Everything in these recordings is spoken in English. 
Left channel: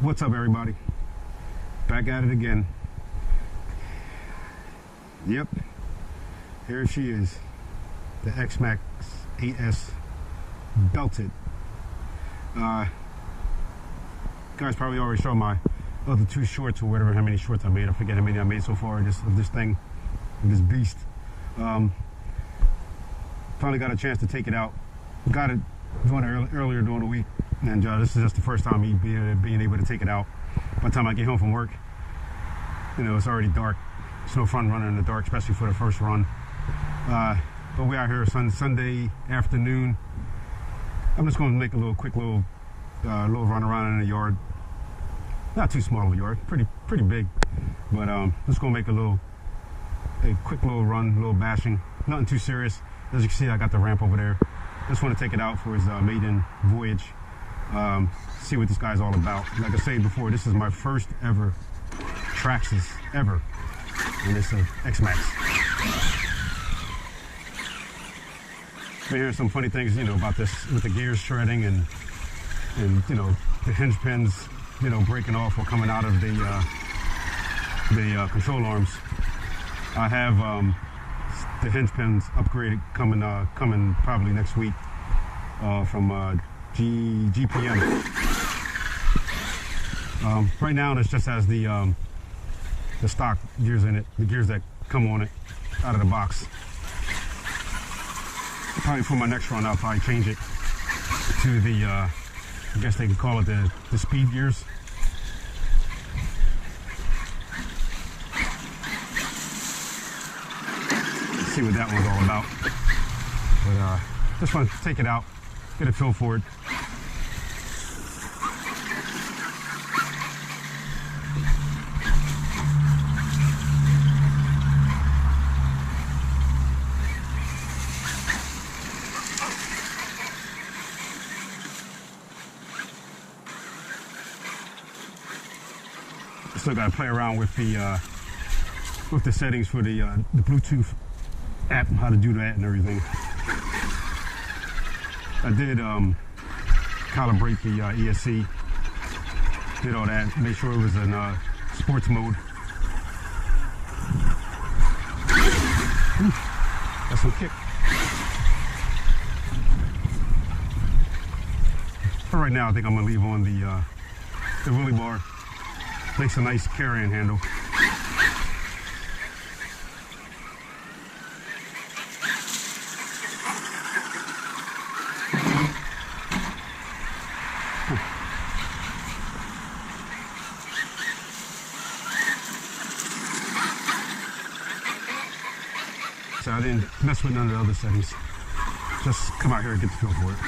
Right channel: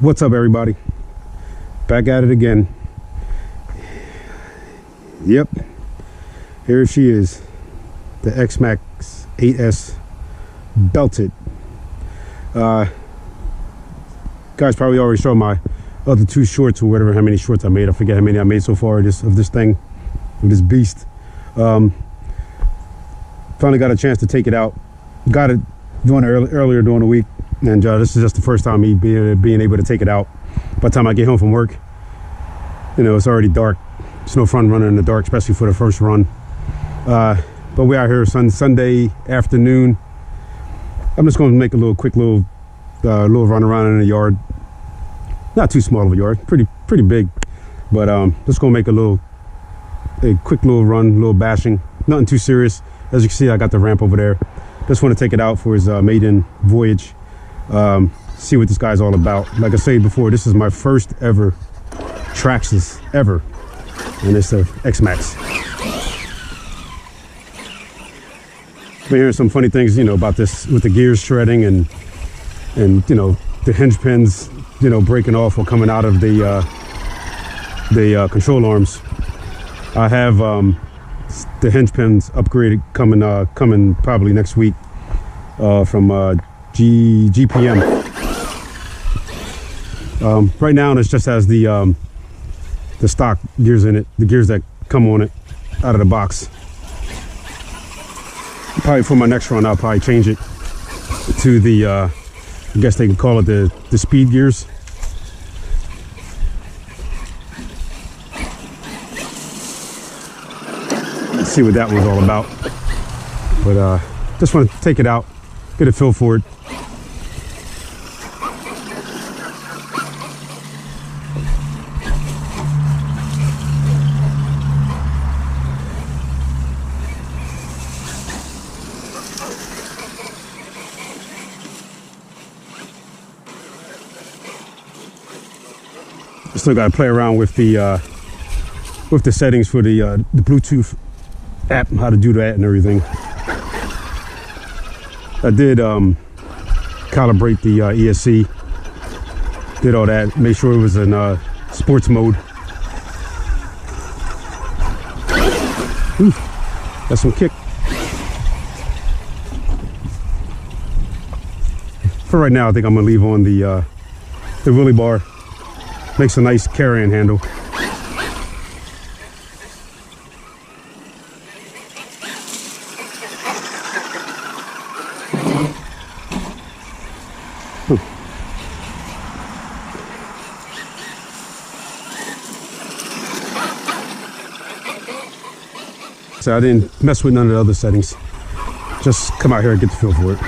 What's up, everybody? Back at it again. Yep, here she is, the Xmaxx 8S belted. Guys probably already saw my other two shorts, or whatever, how many shorts I made. I forget how many I made so far of this thing, of this beast. Finally got a chance to take it out. Got it earlier during the week, and this is just the first time me being able to take it out. By the time I get home from work, you know, it's already dark. It's no fun running in the dark, especially for the first run. But we're out here Sunday afternoon. I'm just going to make a quick little run around in the yard. Not too small of a yard, pretty big. But just going to make a quick little run, a little bashing. Nothing too serious. As you can see, I got the ramp over there. Just want to take it out for his maiden voyage. See what this guy's all about. Like I said before, this is my first ever Traxxas ever, and it's a Xmaxx. Been hearing some funny things, you know, about this with the gears shredding and you know, the hinge pins, you know, breaking off or coming out of the control arms. I have the hinge pins upgraded coming probably next week from GPM. Right now it just has the stock gears in it, the gears that come on it out of the box. Probably for my next run, I'll probably change it to the I guess they could call it the speed gears. Let's see what that was all about. But just want to take it out, get a feel for it. Still got to play around with the settings for the Bluetooth app, how to do that and everything. I did calibrate the ESC, did all that, made sure it was in sports mode. Ooh, that's some kick. For right now, I think I'm gonna leave on the wheelie bar. Makes a nice carrying handle. So I didn't mess with none of the other settings. Just come out here and get the feel for it.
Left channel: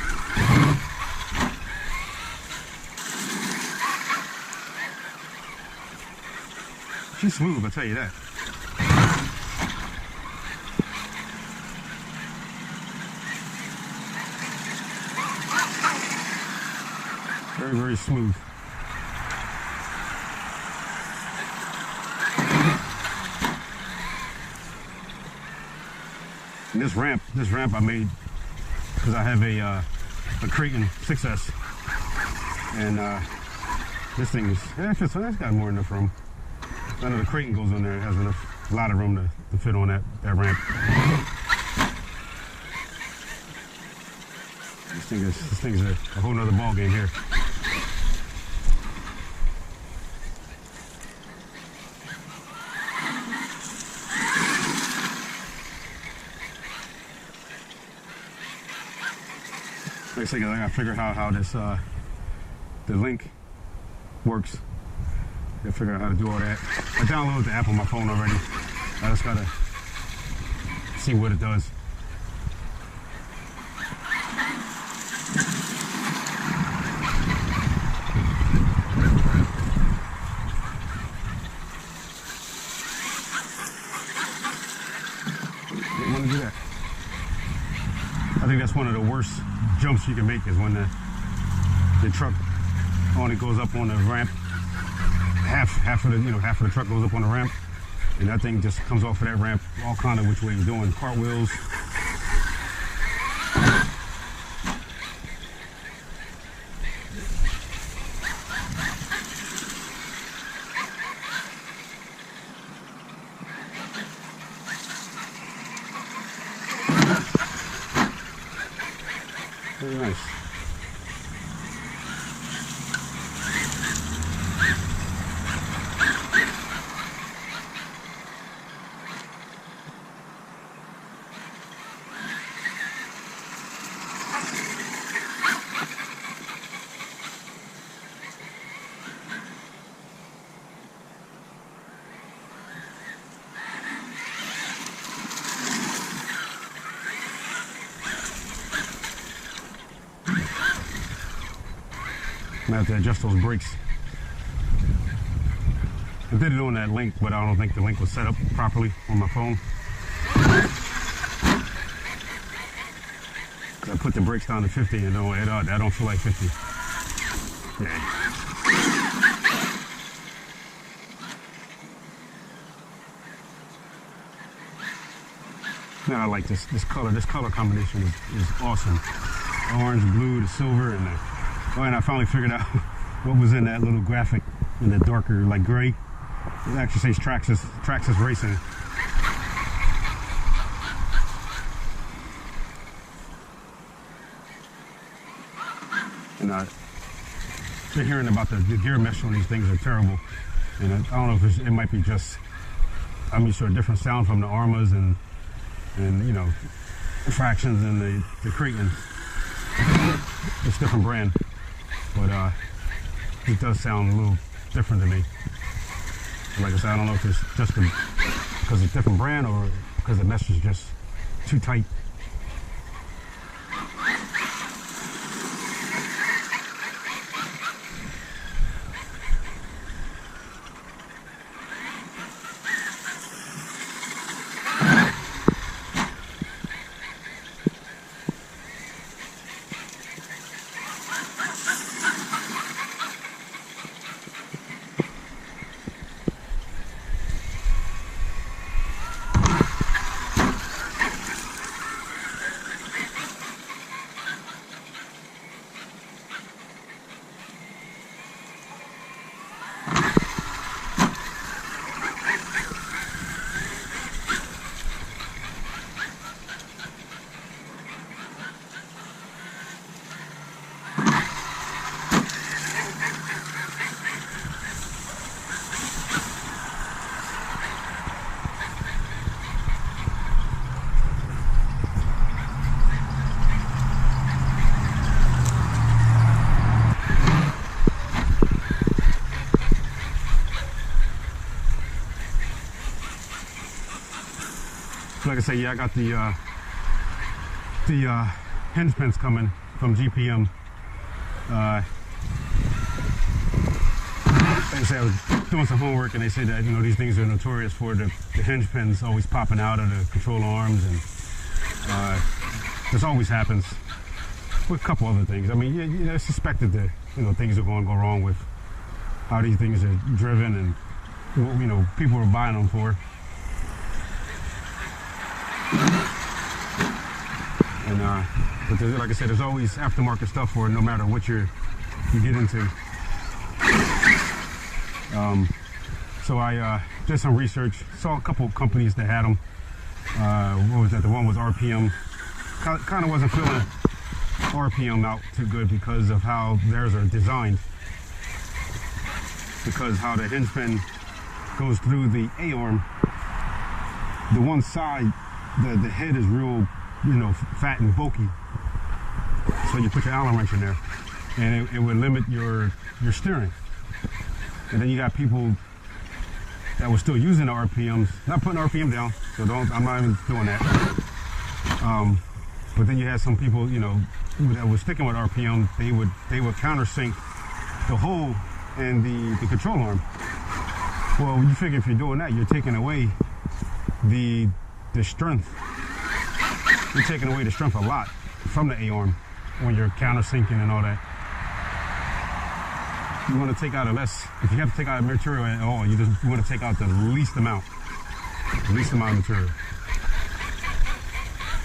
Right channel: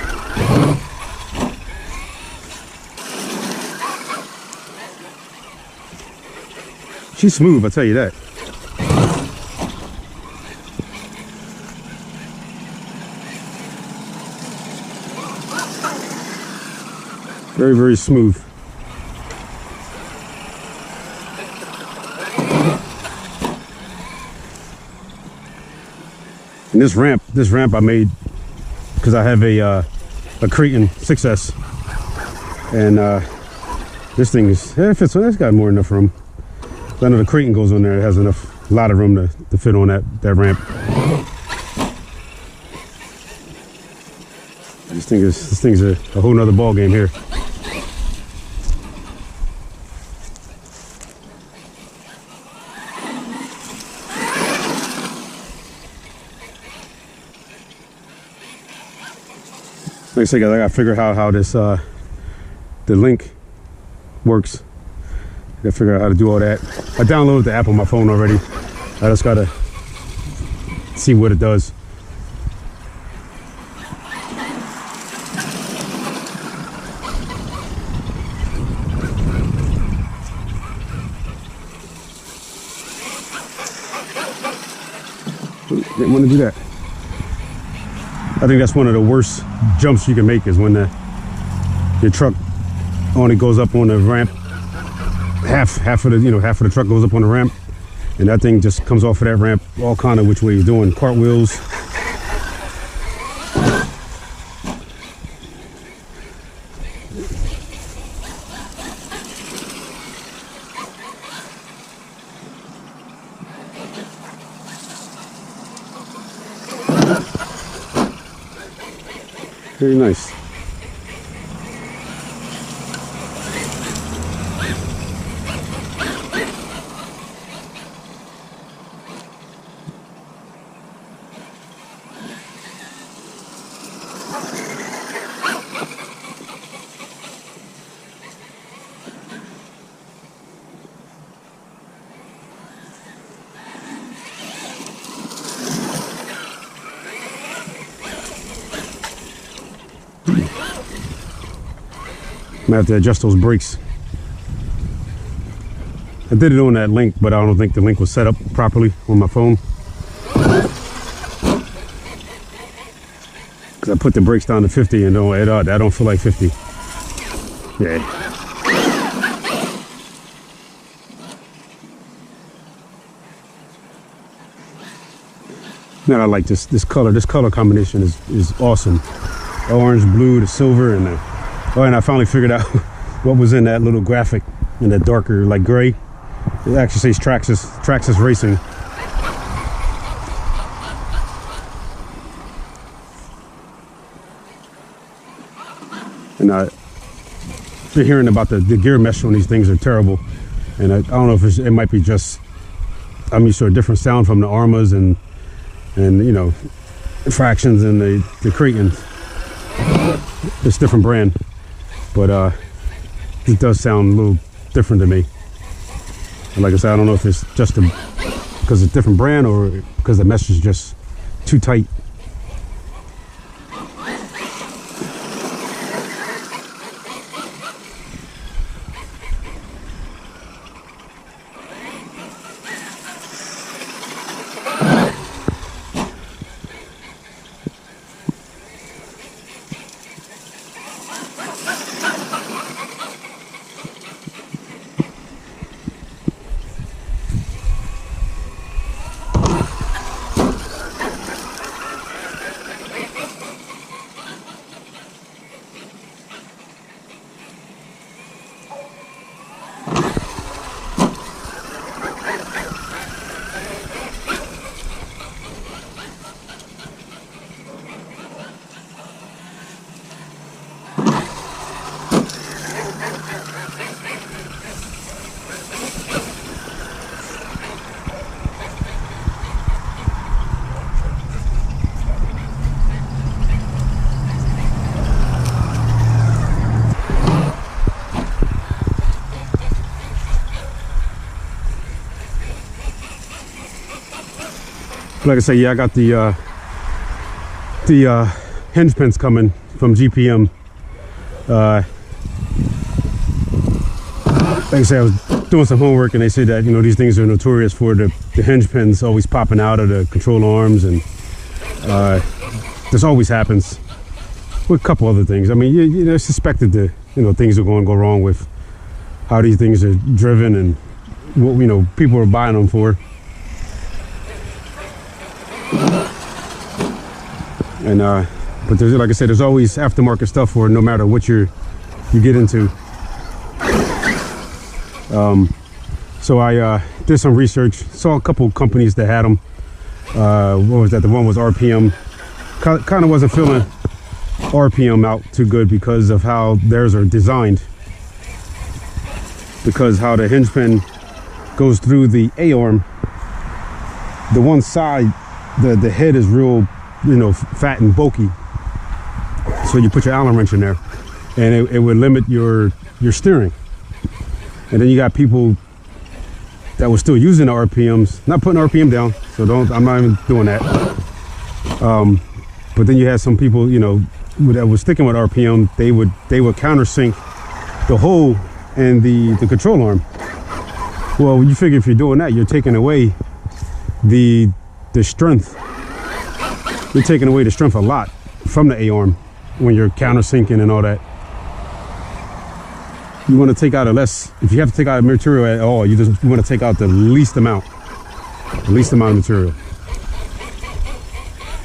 She's smooth, I'll tell you that. Very, very smooth. And this ramp I made because I have a Creighton 6S, and this thing is, yeah, it fits on. It's got more than enough room. I know the Creighton goes on there. It has a lot of room to fit on that ramp. This thing's a whole nother ball game here. Like I said, I gotta figure out how this the link works. I gotta figure out how to do all that. I downloaded the app on my phone already. I just gotta see what it does. Didn't want to do that. I think that's one of the worst jumps you can make, is when your truck only goes up on the ramp. Half of the truck goes up on the ramp, and that thing just comes off of that ramp all kind of which way you're doing, cartwheels. Very nice. I'm gonna have to adjust those brakes. I did it on that link, but I don't think the link was set up properly on my phone. Cause I put the brakes down to 50 and I don't feel like 50. Yeah. Now I like this color. This color combination is awesome. The orange, blue, the silver, and and I finally figured out what was in that little graphic in that darker, like gray. It actually says Traxxas Racing. And you're hearing about the gear mesh on these things are terrible. And I don't know if it might be just, I'm used to a different sound from the Armas and you know, fractions and the Creighton. It's a different brand. But it does sound a little different to me. And like I said, I don't know if it's just because it's a different brand or because the mesh is just too tight. Like I say, yeah, I got the hinge pins coming from GPM. Like I say, I was doing some homework and they said that, you know, these things are notorious for the hinge pins always popping out of the control arms, and this always happens with a couple other things. I mean, you suspected that, you know, things are going to go wrong with how these things are driven and what, you know, people are buying them for. And but there's, like I said, there's always aftermarket stuff for it, no matter what you get into. So I did some research, saw a couple companies that had them. What was that? The one was RPM. Kind of wasn't feeling RPM out too good because of how theirs are designed. Because how the hinge pin goes through the A-arm, the one side, the head is real, you know, fat and bulky. So you put your Allen wrench in there, and it would limit your steering. And then you got people that were still using the RPMs, not putting RPM down, so I'm not even doing that. But then you had some people, you know, that was sticking with RPM. They would countersink the hole and the control arm. Well, you figure if you're doing that, you're taking away the strength. You're taking away the strength a lot from the A-arm when you're countersinking and all that. You want to take out if you have to take out material at all, you want to take out the least amount of material.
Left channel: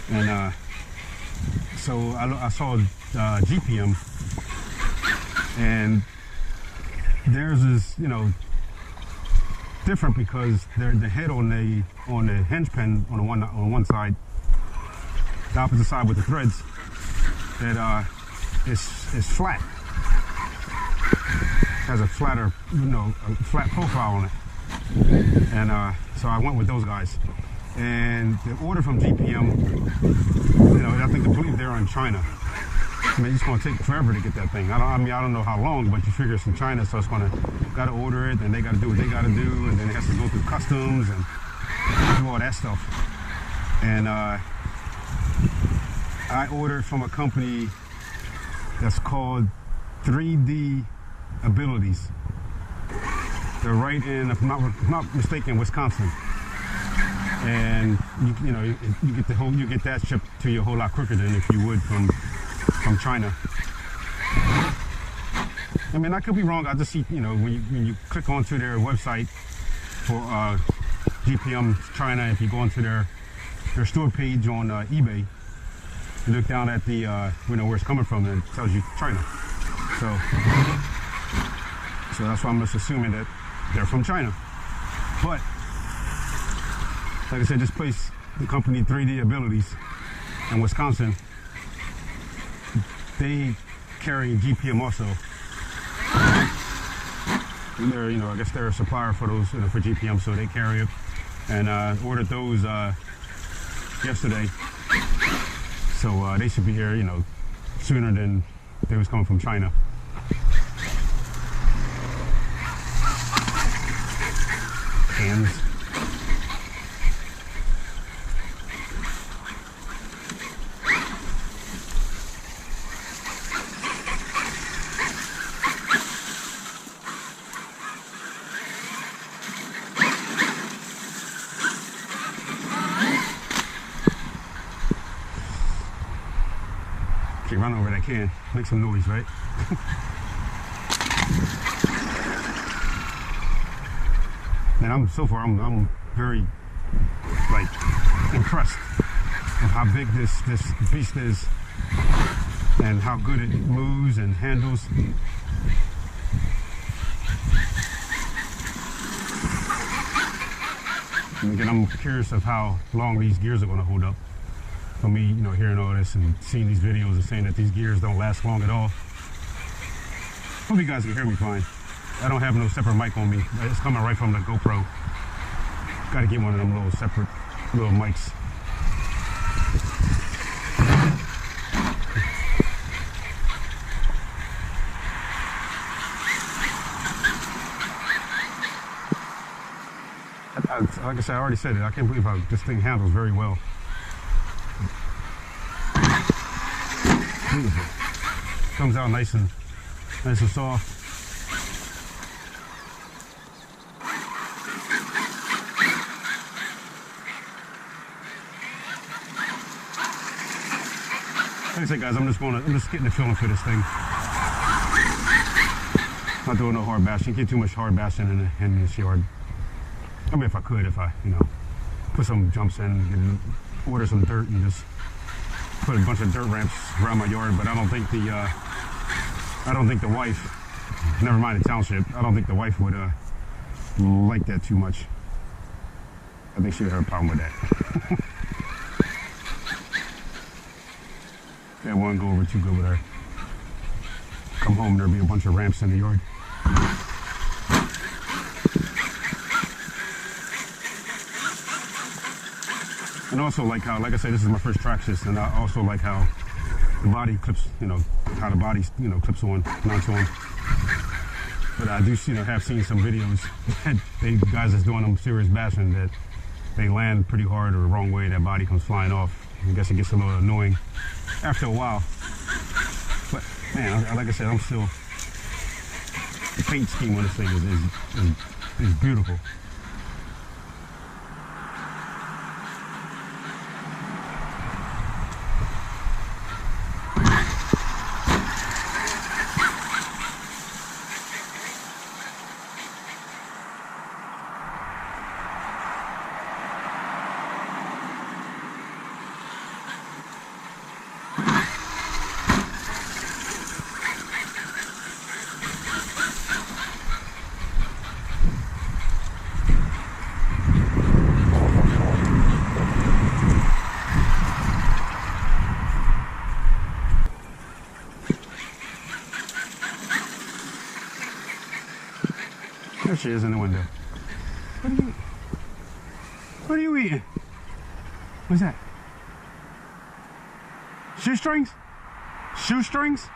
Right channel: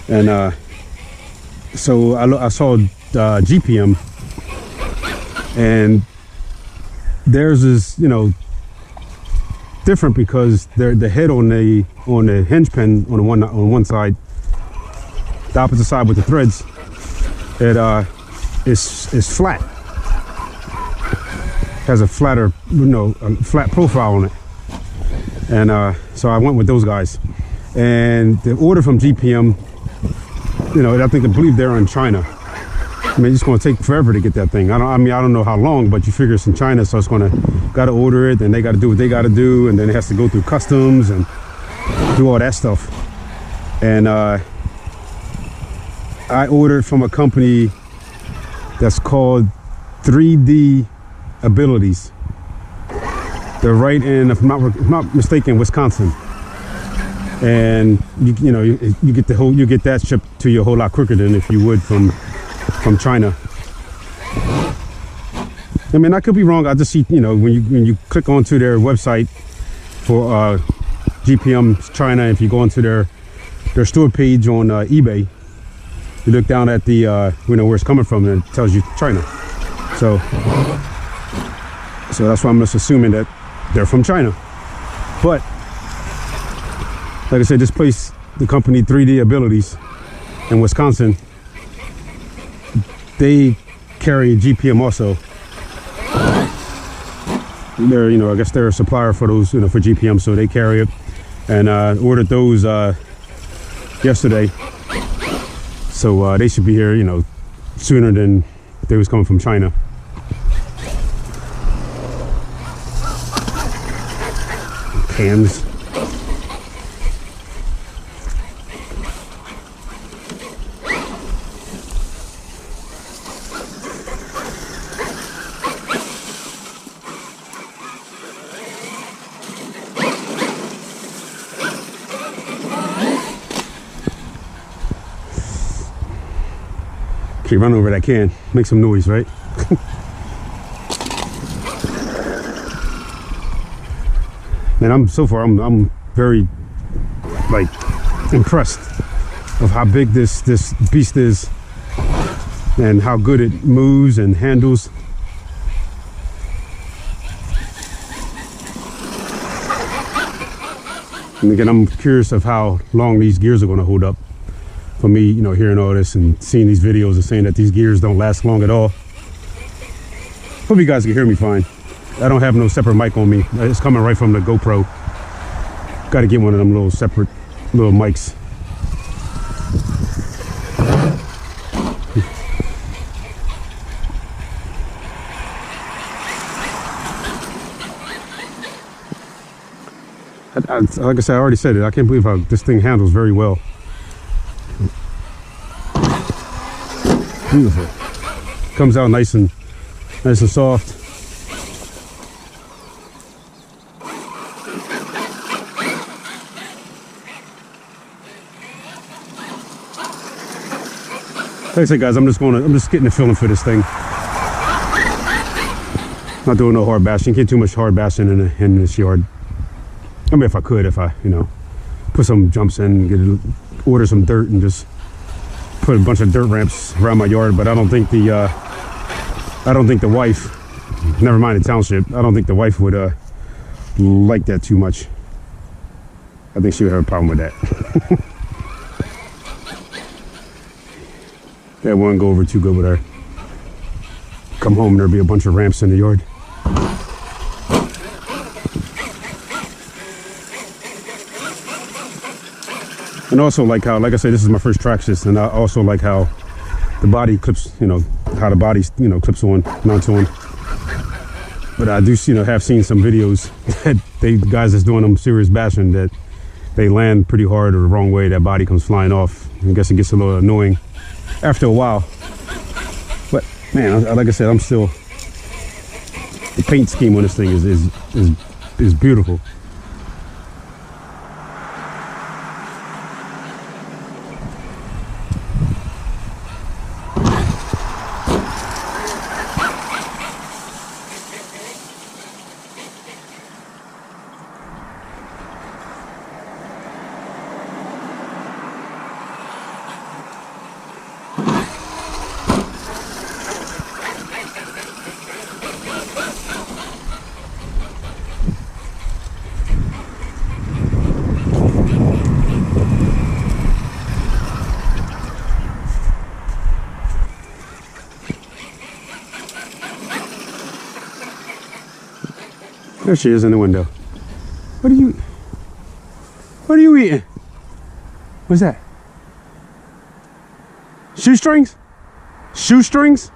And so I saw GPM, and theirs is, you know, different because the head on the hinge pin on one side, the opposite side with the threads, it's flat. Has a flatter, a flat profile on it. And so I went with those guys. And the order from GPM, I believe they're in China. I mean, it's going to take forever to get that thing. I don't know how long, but you figure it's in China, so it's got to order it, and they got to do what they got to do, and then it has to go through customs and do all that stuff. And I ordered from a company that's called 3D Abilities. They're right in, if I'm not mistaken, Wisconsin. And you get that shipped to you a whole lot quicker than if you would from China. I mean, I could be wrong. I just see, when you click onto their website for GPM China, if you go onto their store page on eBay, you look down at the where it's coming from, and it tells you China. So that's why I'm just assuming that they're from China. But like I said, this place, the company 3D Abilities in Wisconsin, they carry GPM also. They're, I guess they're a supplier for those, for GPM, so they carry it. And ordered those yesterday. So they should be here, sooner than they was coming from China. Cans. Okay, run over that can, make some noise, right? And I'm very impressed of how big this beast is and how good it moves and handles. And again, I'm curious of how long these gears are going to hold up. For me, hearing all this and seeing these videos and saying that these gears don't last long at all. Hope you guys can hear me fine. I don't have no separate mic on me. It's coming right from the GoPro. Got to get one of them little separate little mics. Like I said, I already said it. I can't believe how this thing handles very well. Beautiful. Comes out nice and soft. Like I said, guys, I'm just getting the feeling for this thing. Not doing no hard bashing. Can't do too much hard bashing in this yard. I mean, if I could, put some jumps in, order some dirt and just put a bunch of dirt ramps around my yard, but I don't think the wife, never mind the township, I don't think the wife would like that too much. I think she would have a problem with that. That wouldn't go over too good with her. Come home and there'll be a bunch of ramps in the yard. And also like I said, this is my first Traxxas, and I also like how the body clips, how the body, clips on, mounts on. But I do, have seen some videos that guys that's doing them serious bashing, that they land pretty hard or the wrong way, that body comes flying off. I guess it gets a little annoying after a while. But man, like I said, the paint scheme on this thing is beautiful. There she is in the window. What are you eating? What's that? Shoestrings? Shoestrings?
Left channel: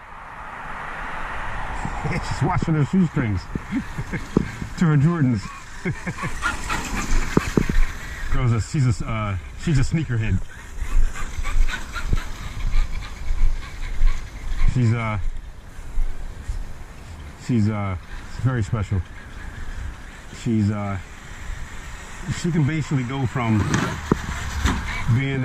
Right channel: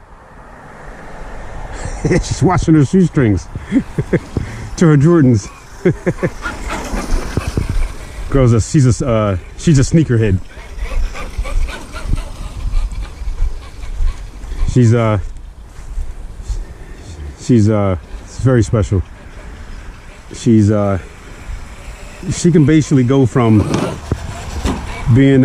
She's washing her shoestrings to her Jordans. Girl's she's a sneakerhead. She's very special. She can basically go from being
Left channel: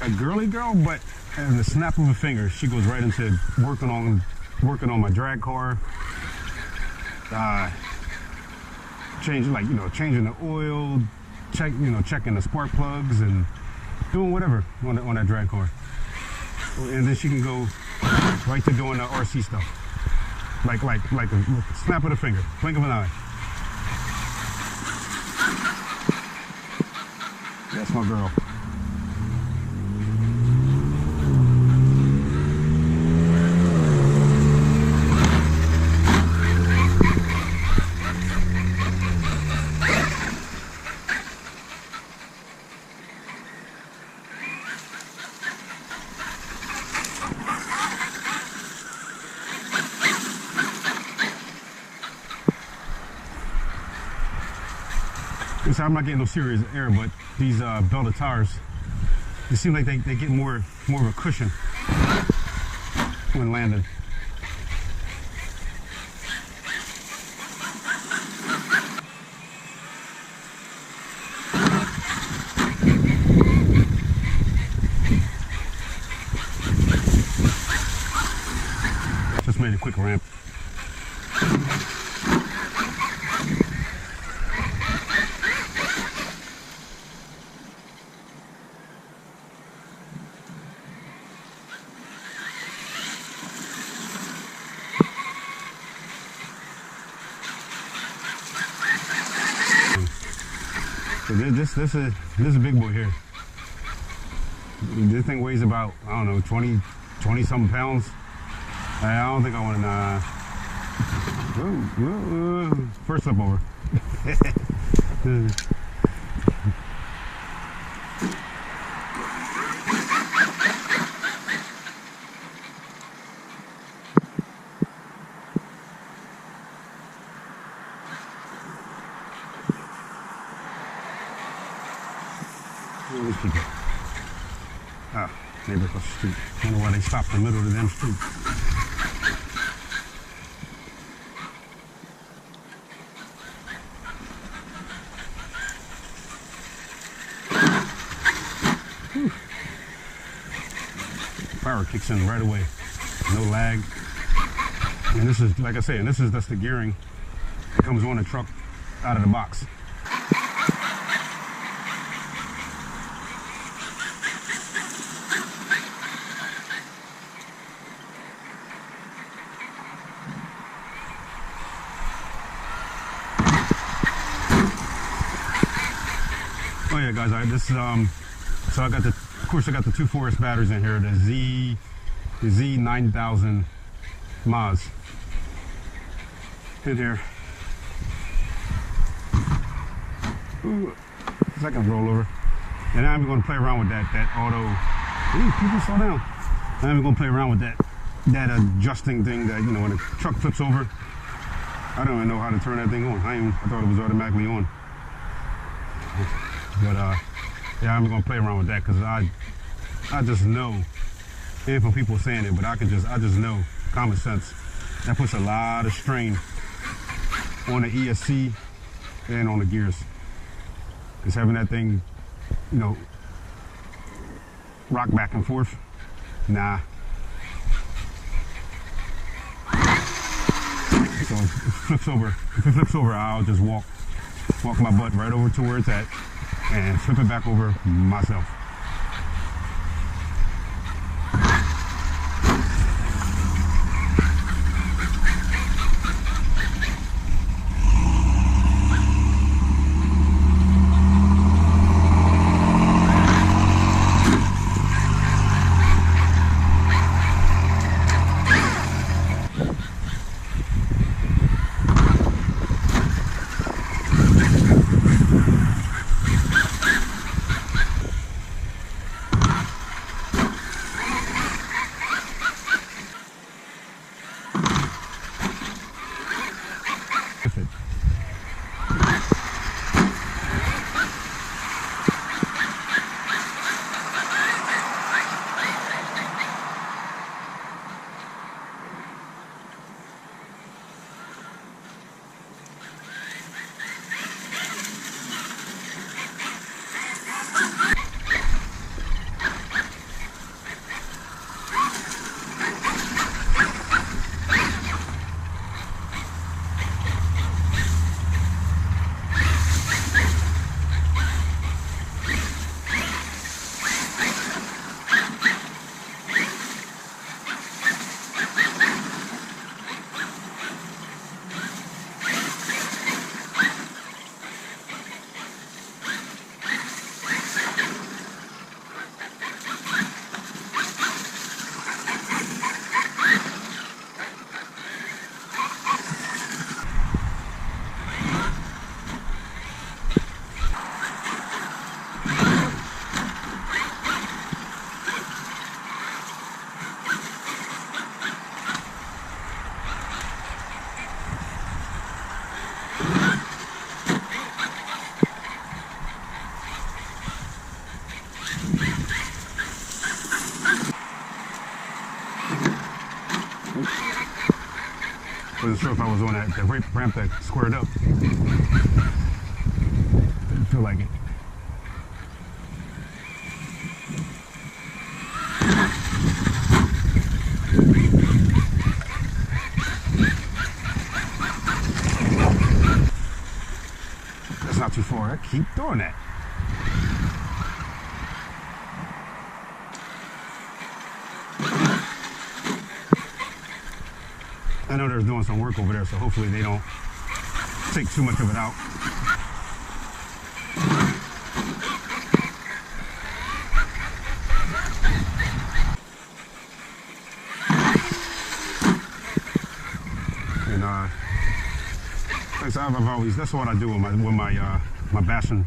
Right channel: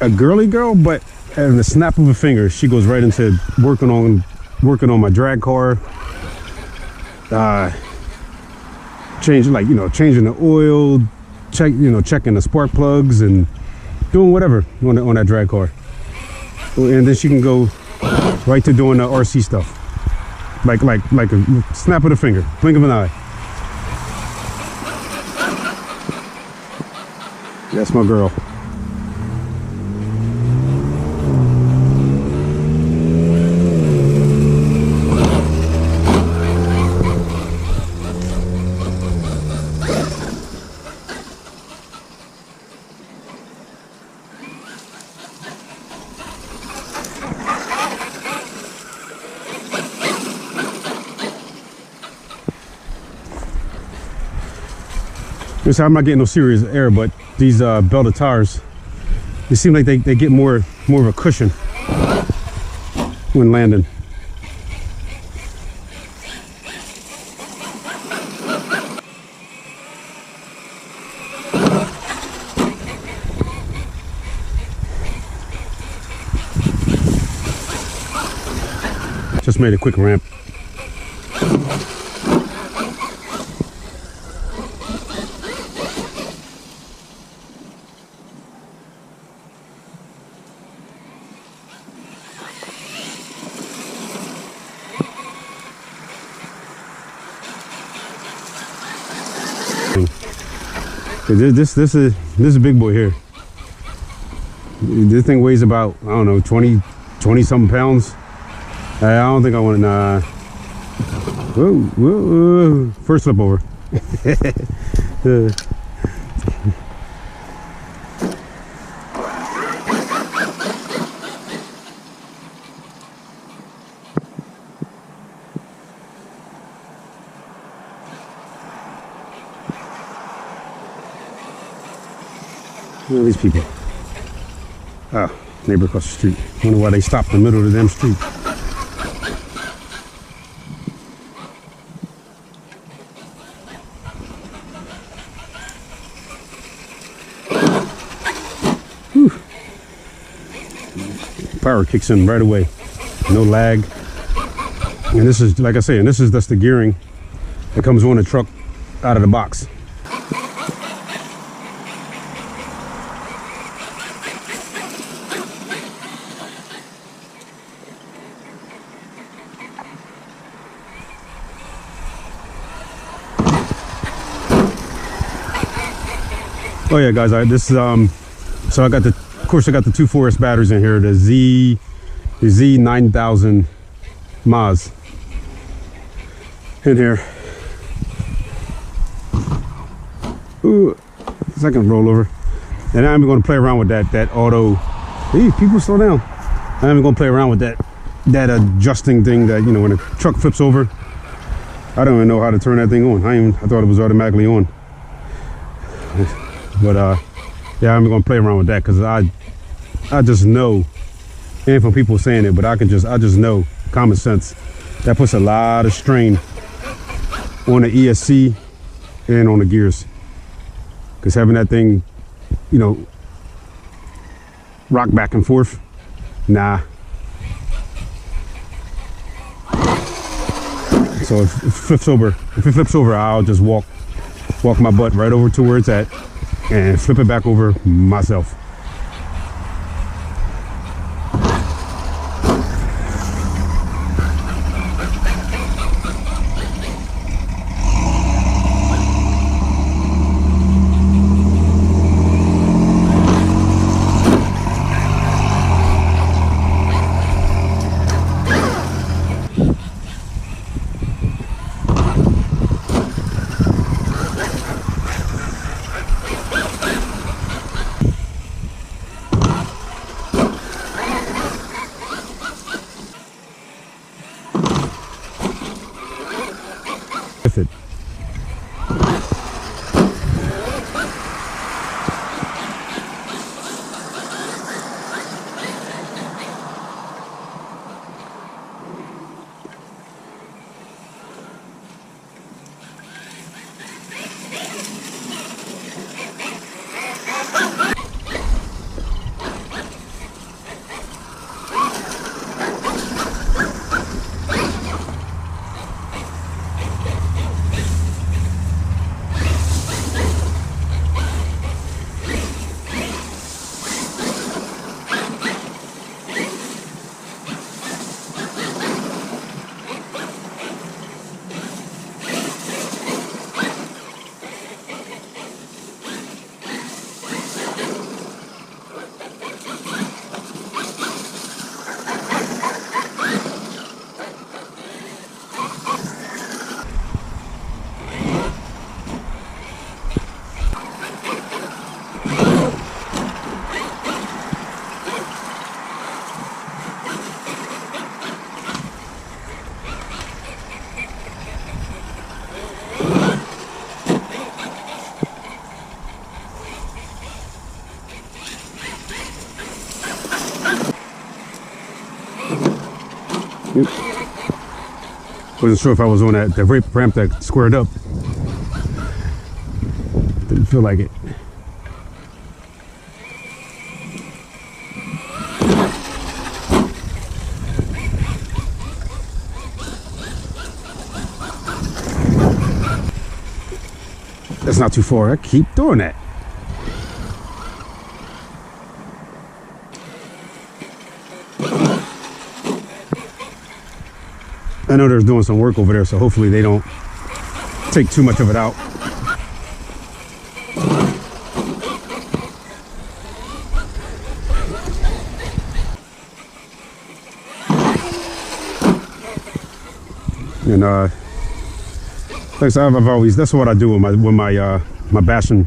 a girly girl, but at the snap of a finger, she goes right into working on my drag car, changing the oil, checking the spark plugs and doing whatever on that drag car. And then she can go right to doing the RC stuff, like a snap of the finger, blink of an eye. That's my girl. I'm not getting no serious air, but these belted tires, they seem like they get more of a cushion when landing. Just made a quick ramp. This is a big boy here. This thing weighs about, I don't know, 20 something pounds. I don't think I want to. Whoa, first flip over. Look at these people. Oh, neighbor across the street. I wonder why they stopped in the middle of the damn street. Whew. Power kicks in right away. No lag. And this is, like I say, that's the gearing that comes on the truck out of the box. Oh yeah, guys, so I got the 2.4S batteries in here, the Z9000 Maz in here. Ooh, second rollover, and I'm going to play around with that auto. Hey, people, slow down! I'm going to play around with that adjusting thing that, when the truck flips over. I don't even know how to turn that thing on. I thought it was automatically on. But yeah, I'm gonna play around with that because I just know, and for people saying it, but I just know, common sense, that puts a lot of strain on the ESC and on the gears, because having that thing, rock back and forth, nah. So if it flips over, I'll just walk my butt right over to where it's at and flip it back over myself. with it. Wasn't sure if I was on that ramp that squared up. Didn't feel like it. That's not too far. I keep doing that. I know they're doing some work over there, so hopefully they don't take too much of it out. And like I said, I've always, that's what I do with my bashing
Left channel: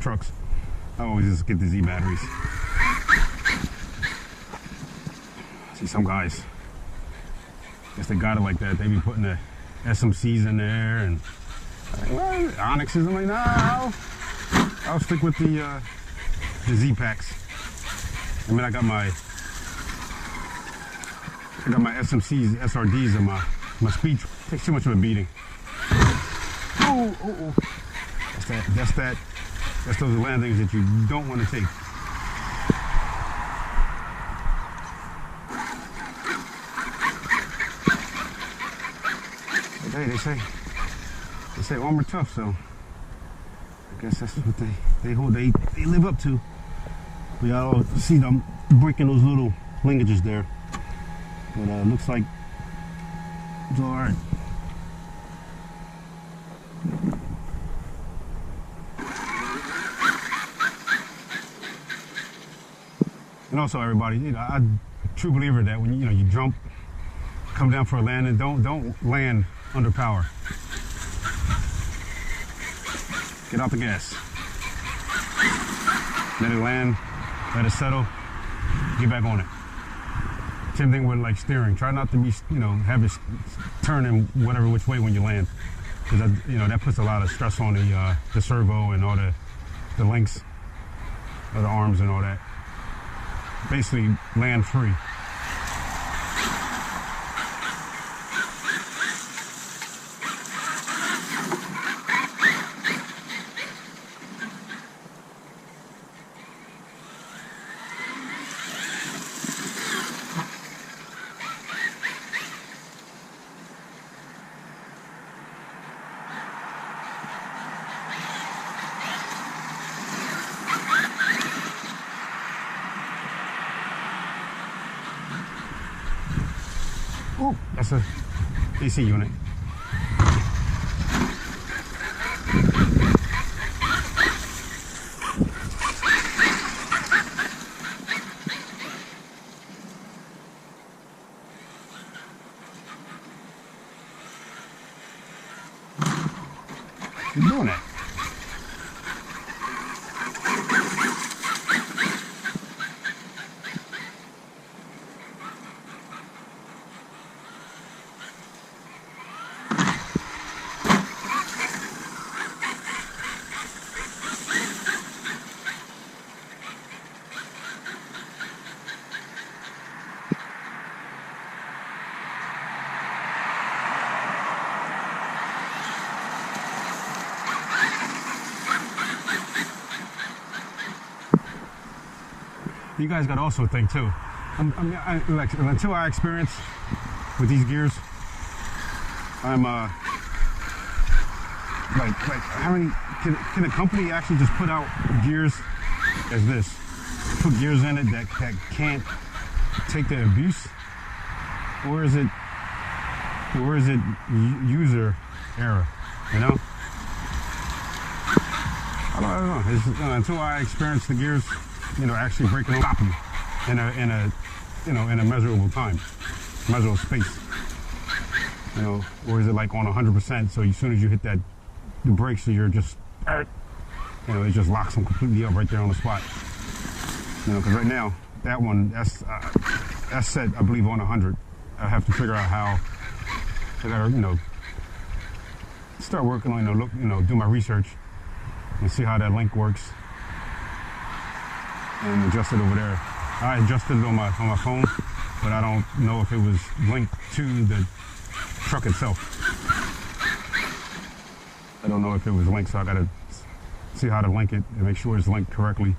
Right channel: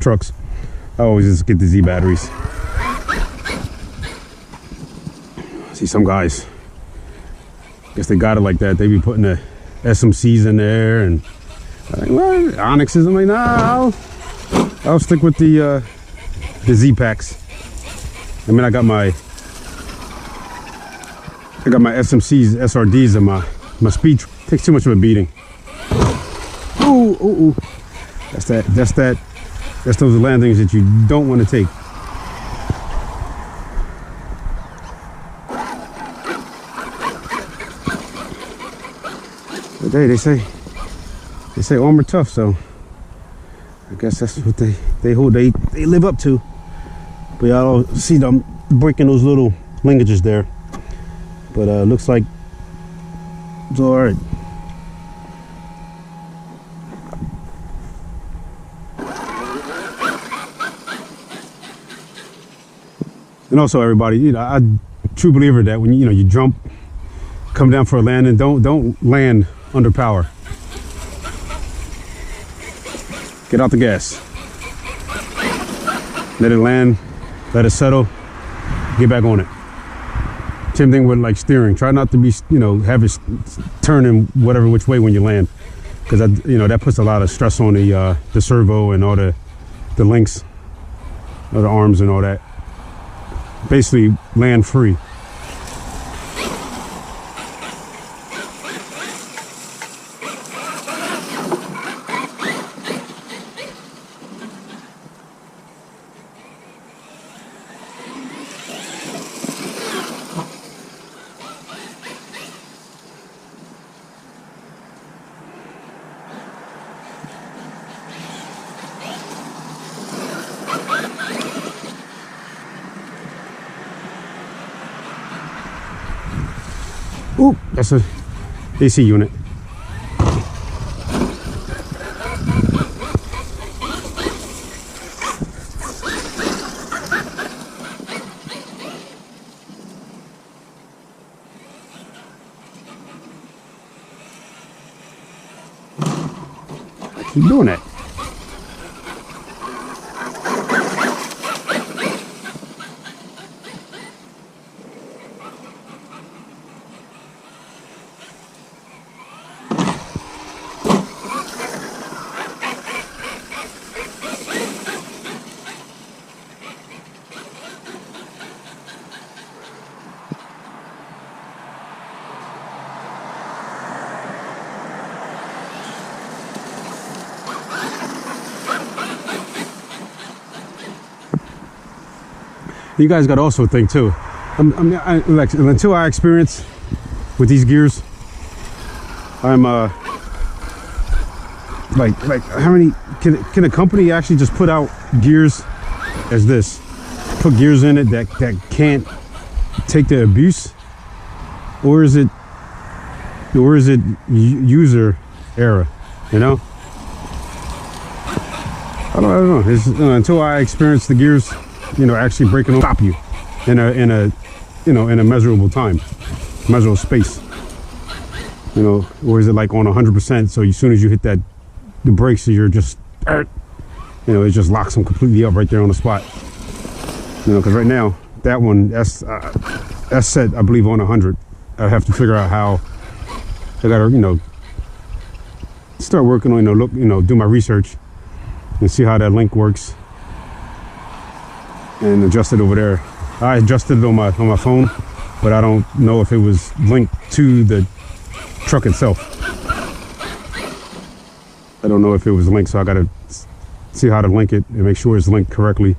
trucks. I always just get the Z batteries. See some guys, guess they got it like that. They be putting the SMCs in there and well, Onyxes. I'm like, nah, I'll stick with the Z packs. I mean, I got my SMCs, SRDs, and my speed takes too much of a beating. Ooh, ooh, ooh. That's those landings that you don't want to take. But hey, they say armor tough, so I guess that's what they live up to. But y'all don't see them breaking those little linkages there. But looks like it's all right. And also, everybody, you know, I'm a true believer that when you jump, come down for a landing, don't land under power. Get out the gas. Let it land, let it settle, get back on it. Same thing with like steering. Try not to be, have it turning whatever which way when you land, because that puts a lot of stress on the servo and all the links, all the arms and all that. Basically, land free. Ooh, that's a AC unit. You're doing that. You guys got to also think too. Until I experience with these gears, I'm like how many can a company actually just put out gears as this? Put gears in it that can't take the abuse, or is it user error? You know, I don't know. It's, until I experience the gears, actually breaking stop you in a measurable time, measurable space. Or is it like on 100%? So as soon as you hit the brakes, you're just, it just locks them completely up right there on the spot. Because right now that one that's set, I believe, on 100. I have to figure out how. I gotta start working on do my research and see how that link works and adjust it over there. I adjusted it on my phone, but I don't know if it was linked to the truck itself. I don't know if it was linked, so I gotta see how to link it and make sure it's linked correctly.